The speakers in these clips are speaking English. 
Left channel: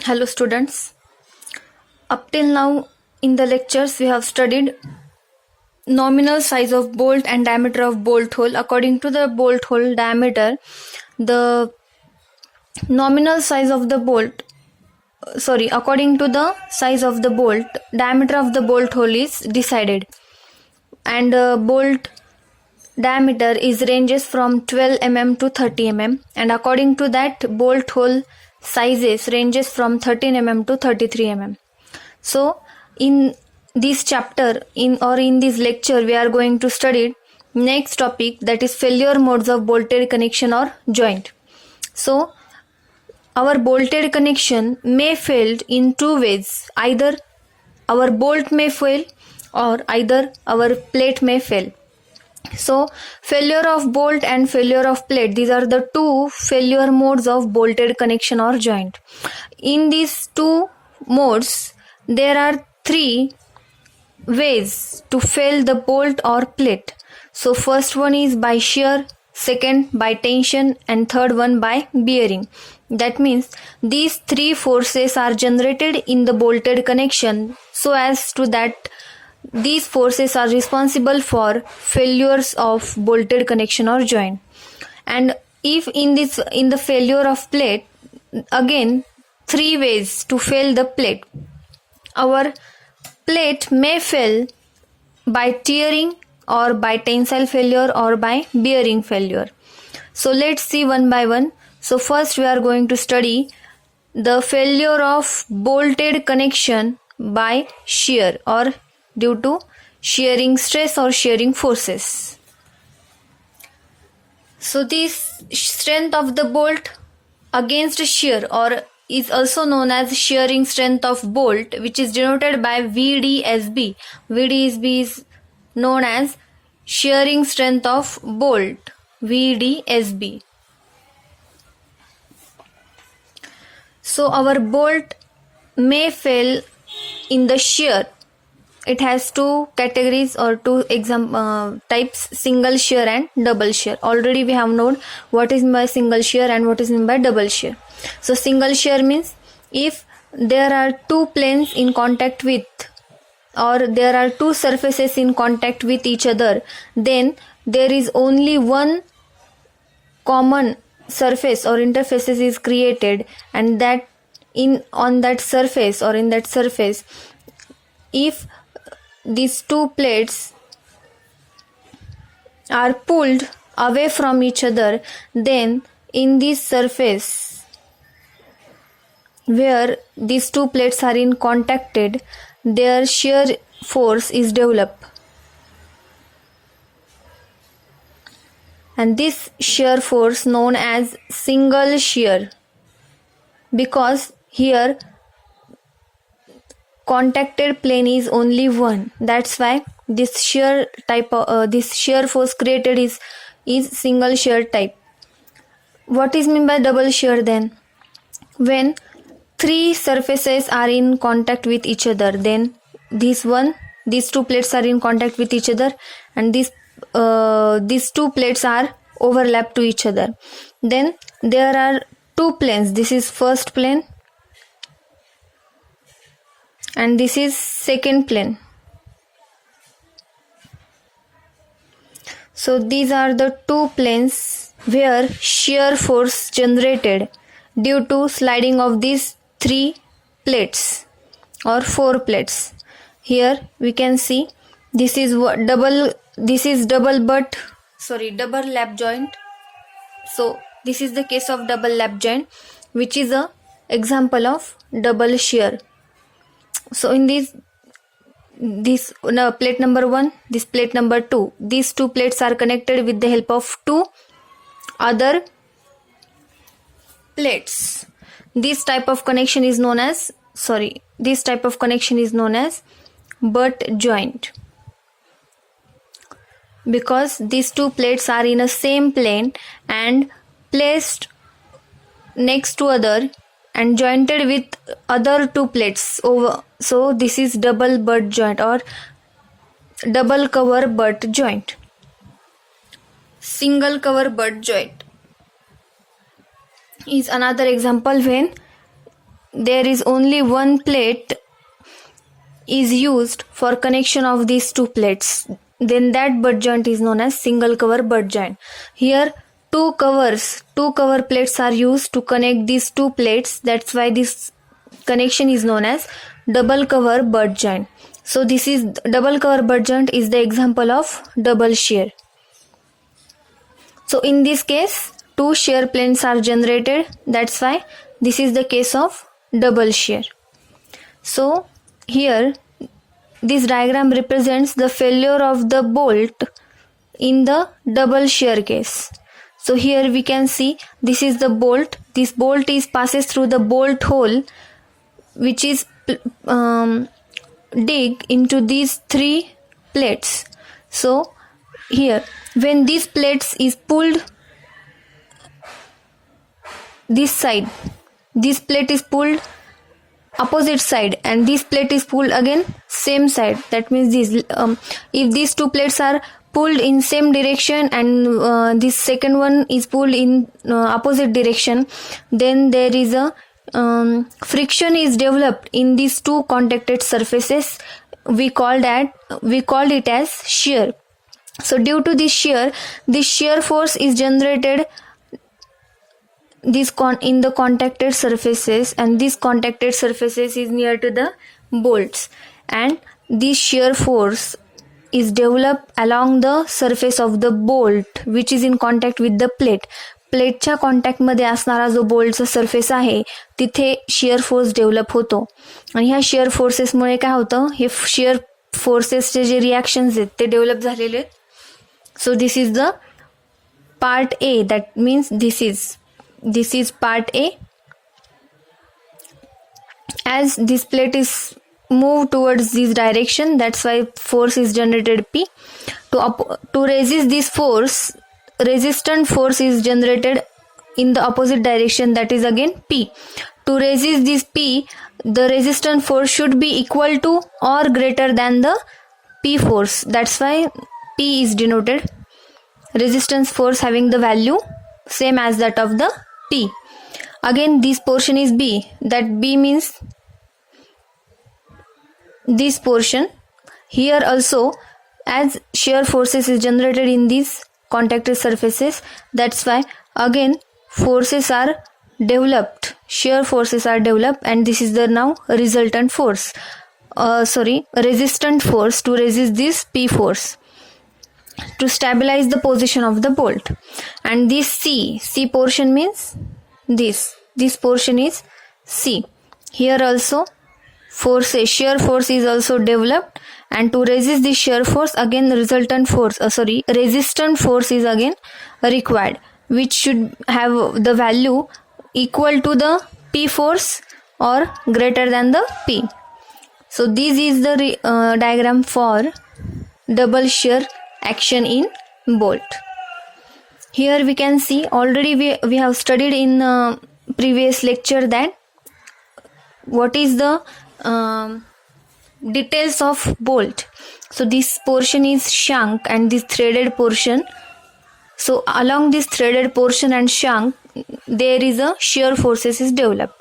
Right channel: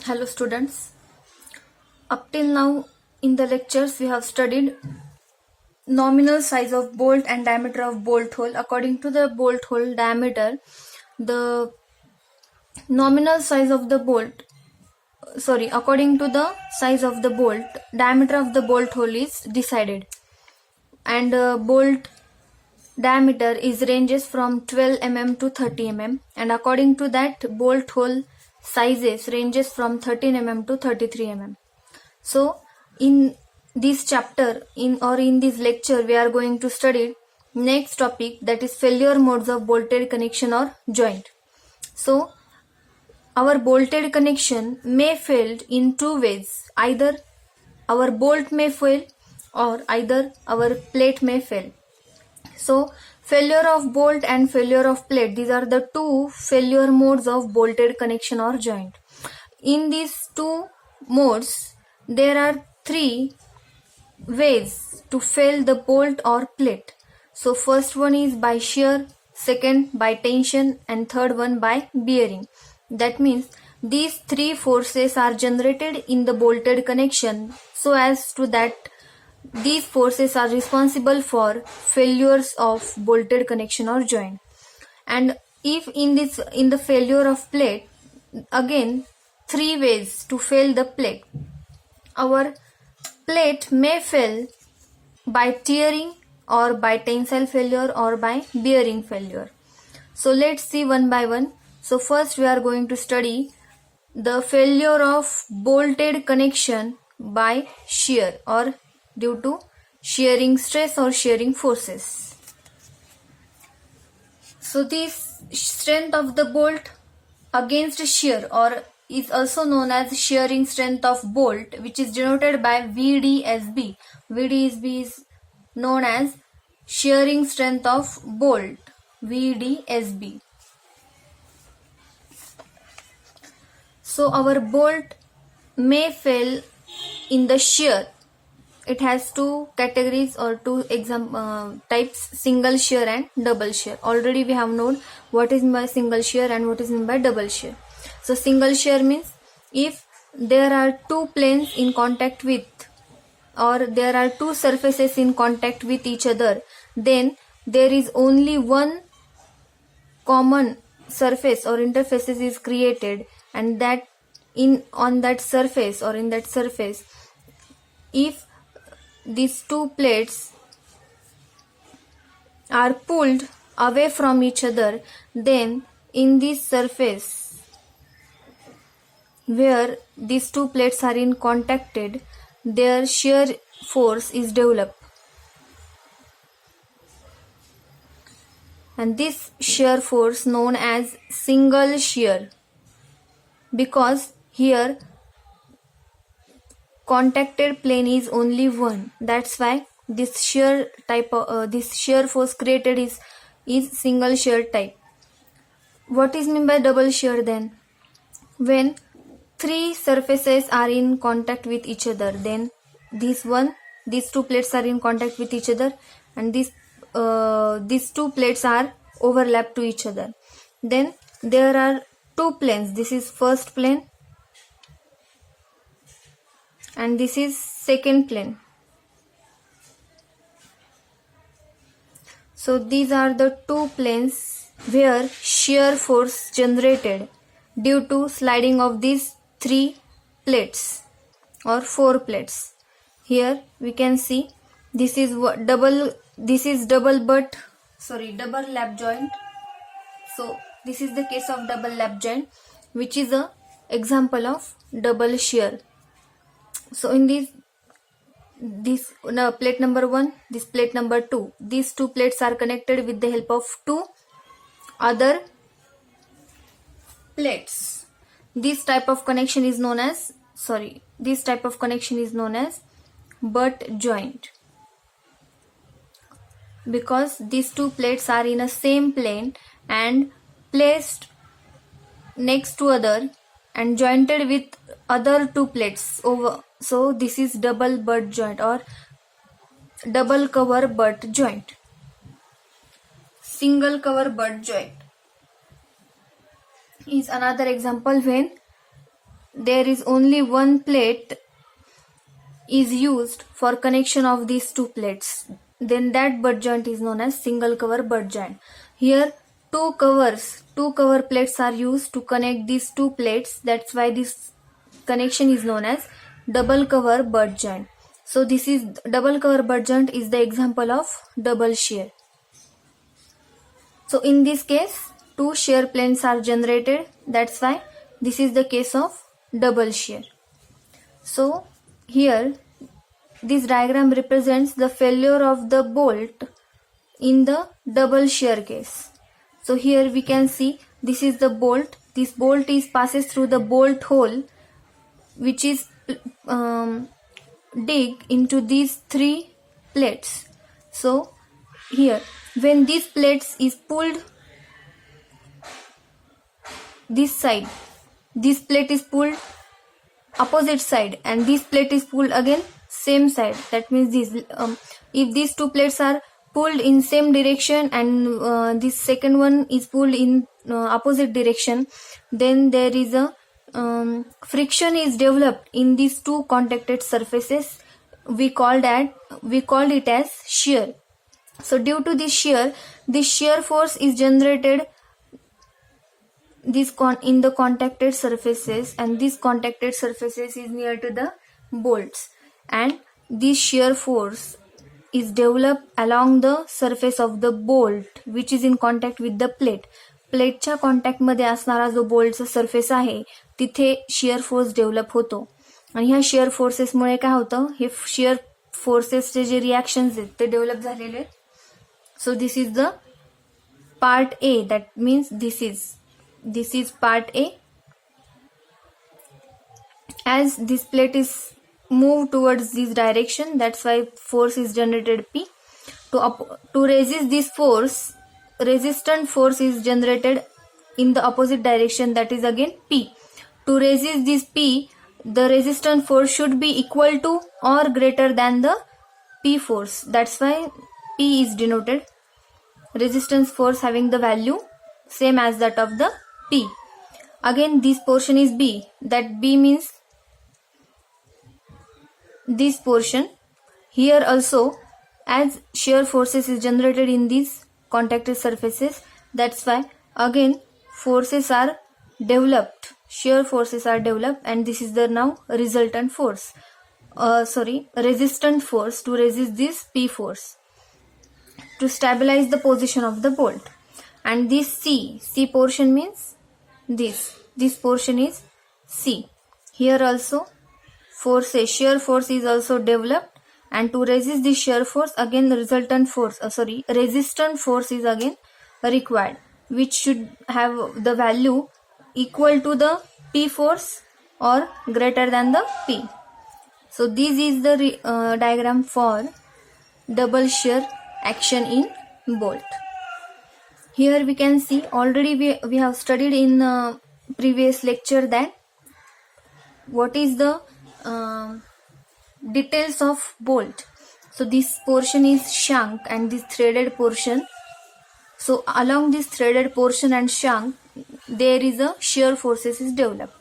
Hello students. Up till now in the lectures we have studied nominal size of bolt and diameter of bolt hole. According to the bolt hole diameter, the nominal size of the bolt according to the size of the bolt, diameter of the bolt hole is decided, and bolt diameter is ranges from 12 mm to 30 mm, and according to that bolt hole sizes ranges from 13 mm to 33 mm. So in this chapter in this lecture we are going to study next topic, that is failure modes of bolted connection or joint. So our bolted connection may fail in two ways: either our bolt may fail or either our plate may fail. So failure of bolt and failure of plate, these are the two failure modes of bolted connection or joint. In these two modes there are three ways to fail the bolt or plate. So first one is by shear, second by tension, and third one by bearing. That means these three forces are generated in the bolted connection so as to that these forces are responsible for failures of bolted connection or joint. And if in the failure of plate, again three ways to fail the plate. Our plate may fail by tearing or by tensile failure or by bearing failure. So let's see one by one. So first we are going to study the failure of bolted connection by shear or due to shearing stress or shearing forces. So this strength of the bolt against shear or is also known as shearing strength of bolt, which is denoted by VDSB. VDSB is known as shearing strength of bolt, VDSB. So our bolt may fail in the shear. It has two categories or two types: single shear and double shear. Already we have known what is meant by single shear and what is meant by double shear. So single shear means if there are two planes in contact with, or there are two surfaces in contact with each other, then there is only one common surface or interfaces is created, and that on that surface or in that surface, if these two plates are pulled away from each other, then in this surface where these two plates are in contacted, their shear force is developed, and this shear force known as single shear, because here contacted plane is only one. That's why this shear type this shear force created is single shear type. What is meant by double shear then? When three surfaces are in contact with each other, then these two plates are in contact with each other, and these two plates are overlapped to each other. Then there are two planes. This is first plane and this is second plane. So these are the two planes where shear force generated due to sliding of these three plates or four plates. Here we can see this is double lap joint. So this is the case of double lap joint, which is a example of double shear. So in this plate number 1, this plate number 2, these two plates are connected with the help of two other plates. This type of connection is known as butt joint, because these two plates are in a same plane and placed next to other and jointed with other two plates over. So this is double butt joint or double cover butt joint. Single cover butt joint is another example when there is only one plate is used for connection of these two plates, then that butt joint is known as single cover butt joint. Here two cover plates are used to connect these two plates. That's why this connection is known as double cover butt joint. So this is double cover butt joint is the example of double shear. So in this case, two shear planes are generated. That's why this is the case of double shear. So here this diagram represents the failure of the bolt in the double shear case. So here we can see this is the bolt. This bolt passes through the bolt hole which is dig into these three plates. So here when these plates is pulled this side, this plate is pulled opposite side and this plate is pulled again same side. That means this if these two plates are pulled in same direction and this second one is pulled in opposite direction, then there is a friction is developed in these two contacted surfaces. We called it as shear. So due to this shear force is generated in the contacted surfaces, and these contacted surfaces is near to the bolts, and this shear force is developed along the surface of the bolt which is in contact with the plate. प्लेटच्या कॉन्टॅक्टमध्ये असणारा जो बोल्टचा surface आहे तिथे shear force develop होतो आणि ह्या shear फोर्सेसमुळे काय होतं, हे शिअर फोर्सेसचे जे रिॲक्शन्स आहेत ते डेव्हलप झालेले आहेत. सो this is the part A. That means this is part A. As this plate is moved towards this direction, that's why force is generated P. To resist this force, resistant force is generated in the opposite direction, that is again P. To resist this P, the resistant force should be equal to or greater than the P force. That's why P is denoted. Resistance force having the value same as that of the P. Again this portion is B. That B means this portion. Here also, as shear forces is generated in these contacted surfaces, that's why again forces are developed, shear forces are developed, and this is the now resultant force, resistant force to resist this P force to stabilize the position of the bolt. And this C portion means this portion is C. Here also shear force is also developed, and to resist this shear force again resistant force is again required, which should have the value equal to the P force or greater than the P. So this is the diagram for double shear action in bolt. Here we can see already we have studied in previous lecture that what is the details of bolt. So this portion is shank and this threaded portion. So along this threaded portion and shank there is a shear forces is developed.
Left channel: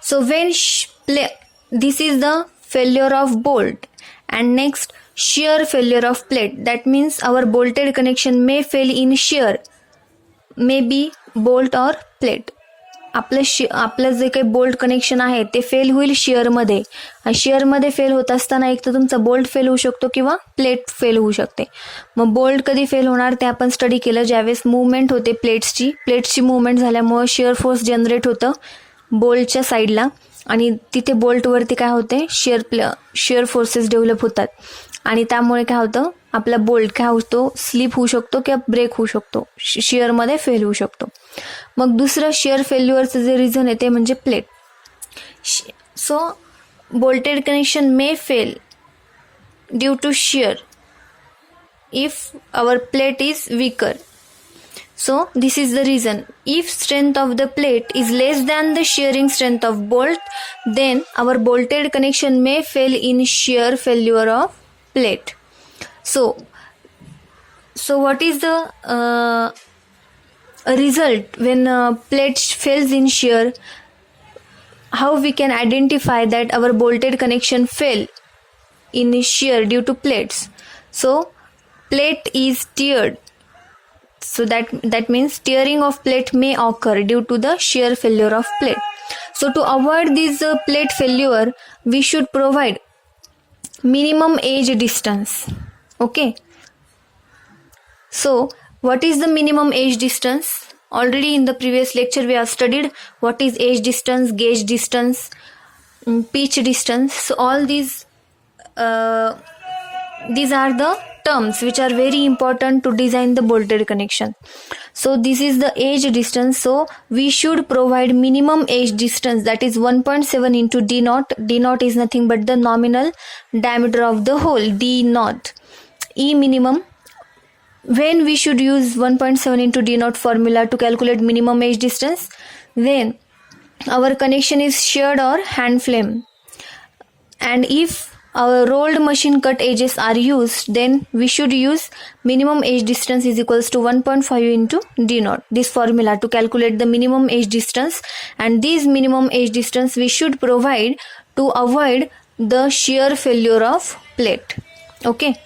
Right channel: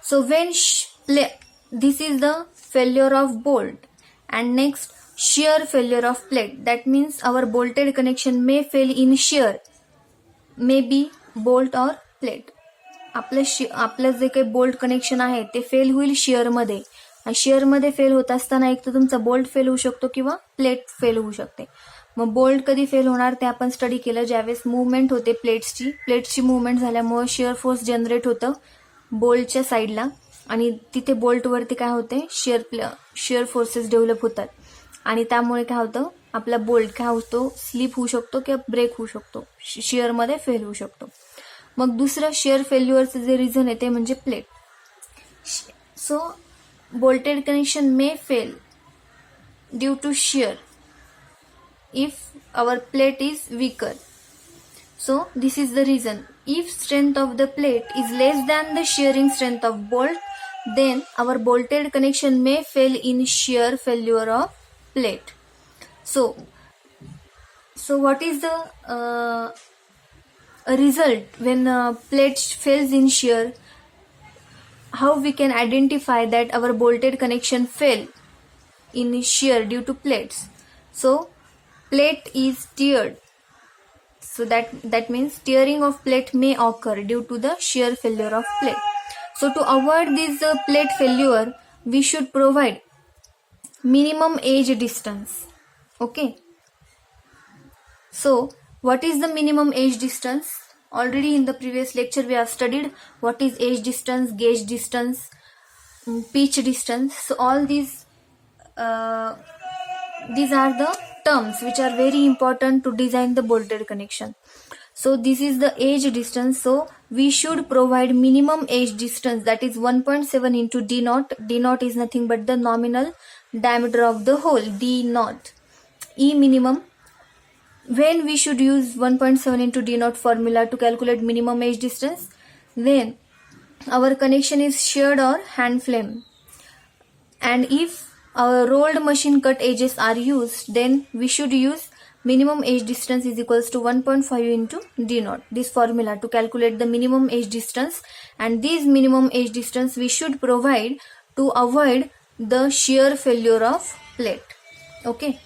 So when this is the failure of bolt, and next shear failure of plate. That means our bolted connection may fail in shear, may be bolt or plate. आपलं जे काही bolt connection आहे ते fail होईल शेअरमध्ये, आणि शेअरमध्ये fail होत असताना एक तर तुमचा बोल्ट फेल होऊ शकतो किंवा प्लेट फेल होऊ शकते. मग बोल्ट कधी फेल होणार ते आपण स्टडी केलं, ज्यावेळेस मूवमेंट होते प्लेट्सची मूवमेंट झाल्यामुळे शेअर फोर्स जनरेट होतं बोल्टच्या साईडला, आणि तिथे बोल्टवरती काय होते शेअर फोर्सेस डेव्हलप होतात, आणि त्यामुळे काय होतं आपला बोल्ट काय होतो स्लिप होऊ शकतो किंवा ब्रेक होऊ शकतो, शेअरमध्ये फेल होऊ शकतो. मग दुसरं शेअर फेल्युअरचं जे रिझन आहे ते म्हणजे plate. So bolted connection may fail due to shear if our plate is weaker. So this is the reason. If strength of the plate is less than the shearing strength of bolt, then our bolted connection may fail in shear failure of plate. So So what is the result when plate fails in shear? How we can identify that our bolted connection fail in shear due to plates? So plate is teared. So that means tearing of plate may occur due to the shear failure of plate. So to avoid this plate failure, we should provide minimum edge distance. Okay. So what is the minimum edge distance? Already in the previous lecture we have studied what is edge distance, gauge distance, pitch distance. So all these are the terms which are very important to design the bolted connection. So this is the edge distance. So we should provide minimum edge distance, that is 1.7 into d naught. D naught is nothing but the nominal diameter of the hole, d naught. E minimum. When we should use 1.7 into d naught formula to calculate minimum edge distance? When our connection is sheared or hand flame, and if our rolled machine cut edges are used, then we should use minimum edge distance is equals to 1.5 into d naught, this formula to calculate the minimum edge distance. And this minimum edge distance we should provide to avoid the shear failure of plate. Okay.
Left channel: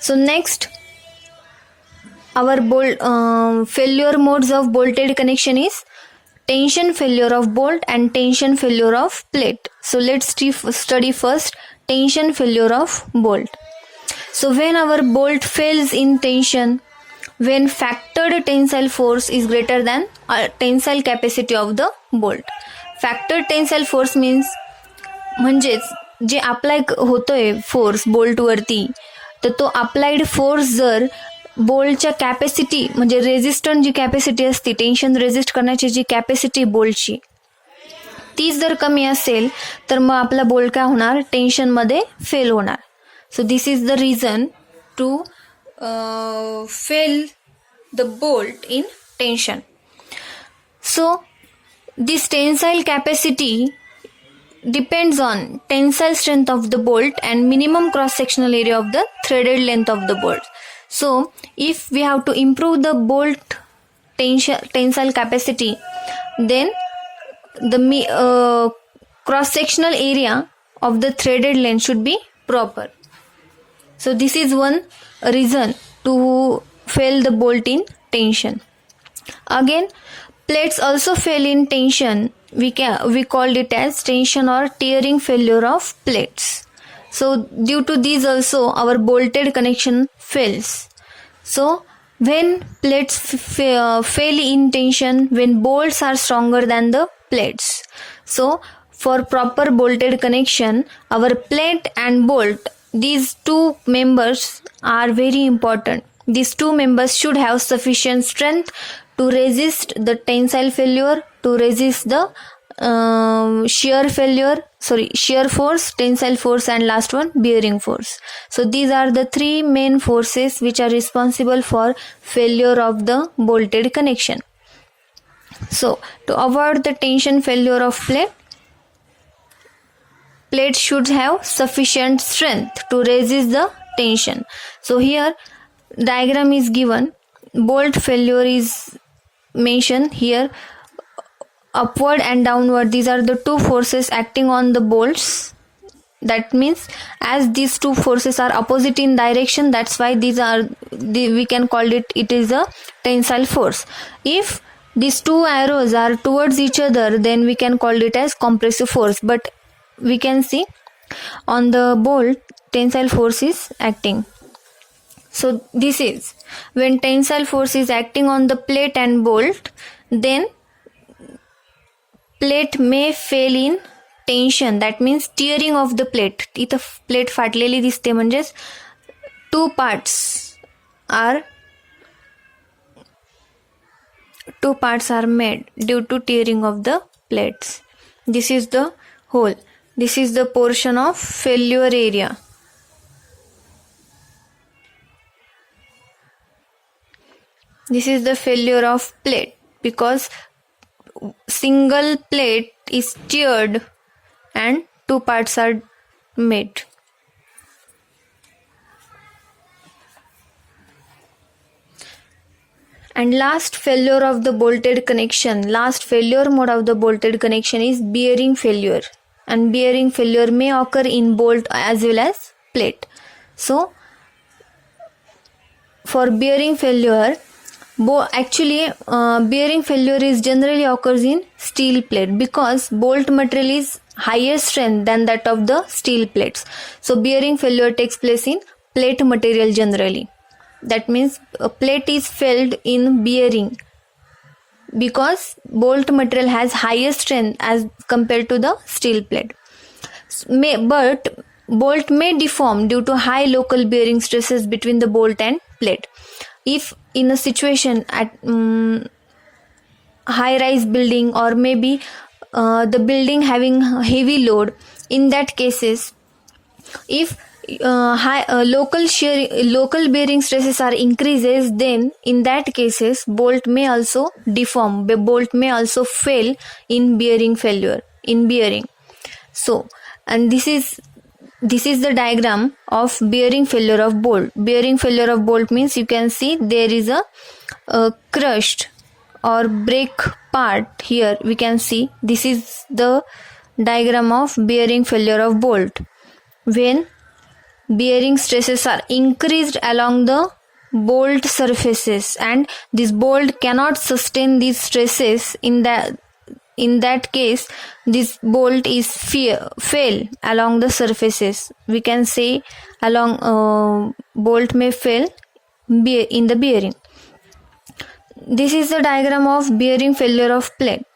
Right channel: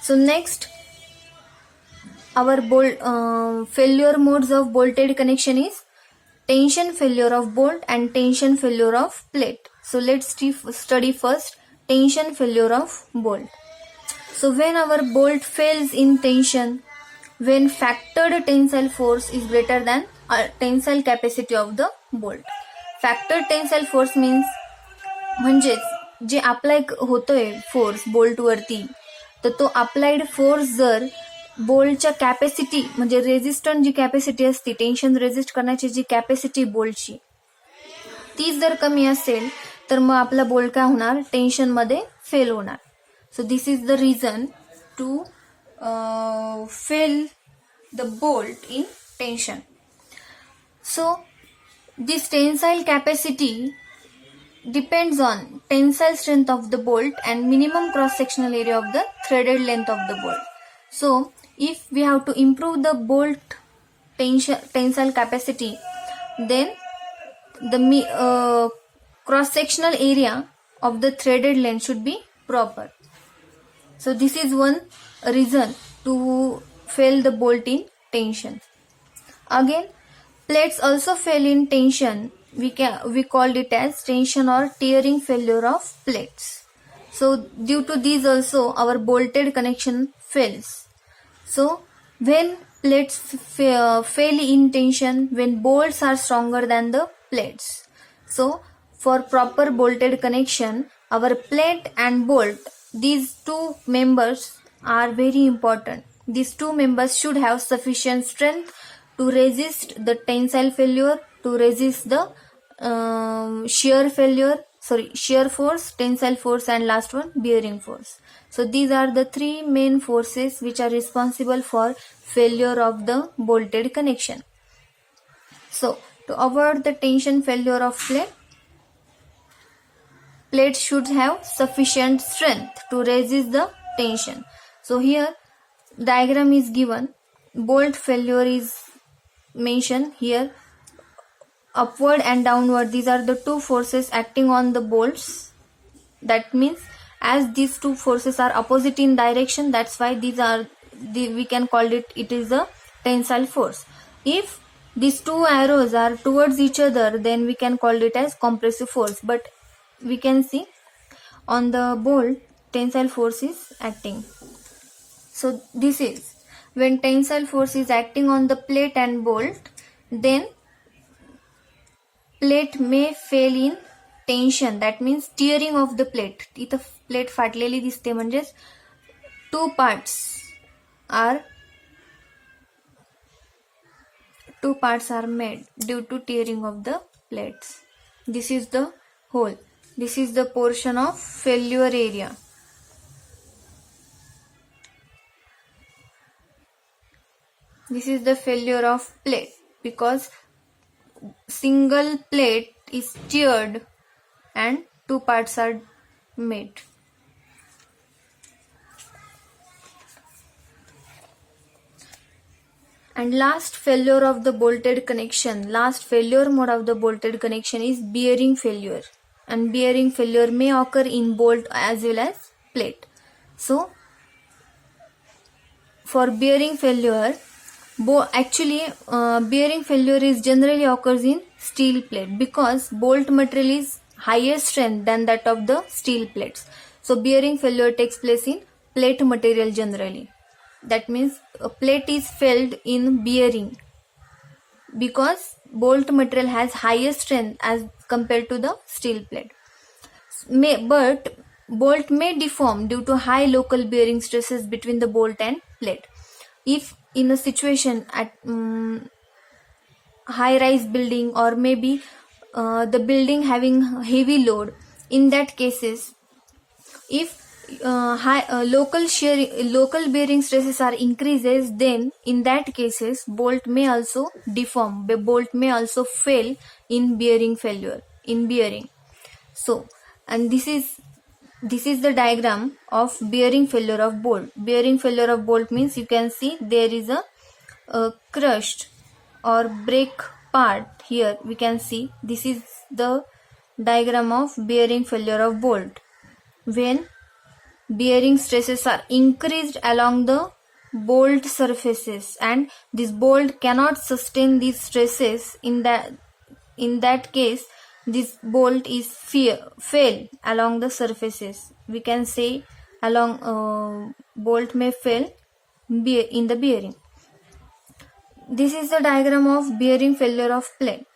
So next, our failure modes of bolted connection is tension failure of bolt and tension failure of plate. So let's study first tension failure of bolt. So when our bolt fails in tension, when factored tensile force is greater than tensile capacity of the bolt. Factored tensile force means म्हणजेच जे apply होतोय force बोल्टवरती, तर तो applied force जर बोल्टच्या capacity म्हणजे resistant जी capacity असते, tension resist करण्याची जी capacity बोल्टची, तीच जर कमी असेल तर मग आपला बोल्ट काय होणार, टेन्शनमध्ये फेल होणार. So this is the reason to fail the bolt in tension. So this tensile capacity depends on tensile strength of the bolt and minimum cross sectional area of the threaded length of the bolt. So if we have to improve the bolt tensile capacity, then the cross sectional area of the threaded length should be proper. So this is one reason to fail the bolt in tension. Again, plates also fail in tension. We called it as tension or tearing failure of plates. So due to these also our bolted connection fails. So when plates fail in tension, when bolts are stronger than the plates. So for proper bolted connection, our plate and bolt, these two members are very important. These two members should have sufficient strength to resist the tensile failure, to resist the shear force, tensile force, and last one bearing force. So these are the three main forces which are responsible for failure of the bolted connection. So to avoid the tension failure of plate should have sufficient strength to resist the tension. So here diagram is given. Bolt failure is mentioned here. Upward and downward, these are the two forces acting on the bolts. That means as these two forces are opposite in direction, that's why we can call it is a tensile force. If these two arrows are towards each other, then we can call it as compressive force. But we can see on the bolt tensile force is acting. So this is when tensile force is acting on the plate and bolt, then plate may fail in tension. That means tearing of the plate. इथं plate फाटलेली दिसते, म्हणजेच two parts are made due to tearing of the plates. This is the hole. This is the portion of failure area. This is the failure of plate because single plate is teared and two parts are made. And last failure of the bolted connection, last failure mode of the bolted connection is bearing failure, and bearing failure may occur in bolt as well as plate. So for bearing failure, bearing failure is generally occurs in steel plate because bolt material is higher strength than that of the steel plates. So bearing failure takes place in plate material generally. That means a plate is failed in bearing because bolt material has higher strength as compared to the steel plate. But bolt may deform due to high local bearing stresses between the bolt and plate. If in a situation at high rise building, or maybe the building having heavy load, in that cases, if local bearing stresses are increases, then in that cases bolt may also deform, bolt may also fail in bearing failure, in bearing. So, and this is the diagram of bearing failure of bolt. Bearing failure of bolt means you can see there is a crushed or break part here. We can see this is the diagram of bearing failure of bolt. When bearing stresses are increased along the bolt surfaces and this bolt cannot sustain these stresses, in that case this bolt is fail along the surfaces. We can say along bolt may fail in the bearing. This is the diagram of bearing failure of plate.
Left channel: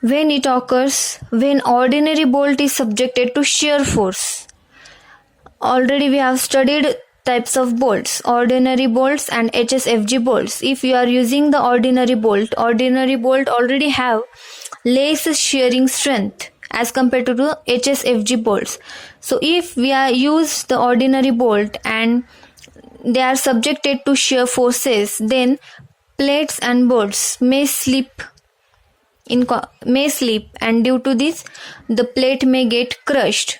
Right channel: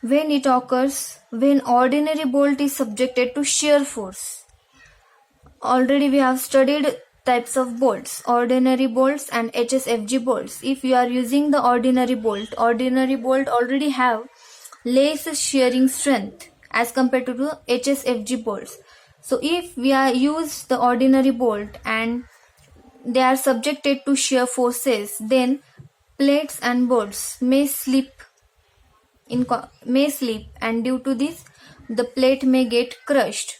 When it occurs, when ordinary bolt is subjected to shear force. Already we have studied types of bolts, ordinary bolts and HSFG bolts. If you are using the ordinary bolt already have less shearing strength as compared to the HSFG bolts. So if we use the ordinary bolt and they are subjected to shear forces, then plates and bolts may slip, and due to this the plate may get crushed.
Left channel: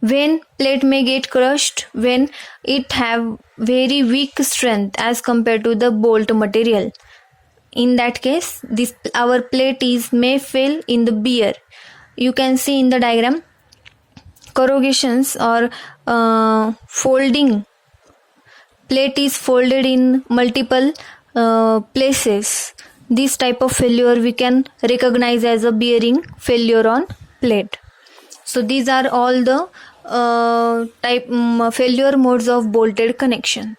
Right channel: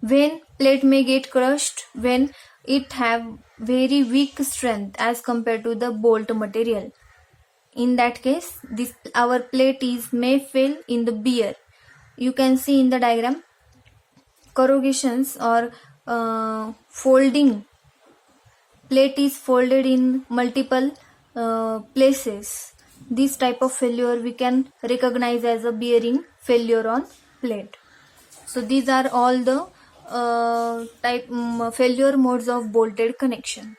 When plate may get crushed, when it have very weak strength as compared to the bolt material. In that case, our plate may fail in the bear. You can see in the diagram corrugations or folding. Plate is folded in multiple places. This type of failure we can recognize as a bearing failure on plate. So these are all the failure modes of bolted connection.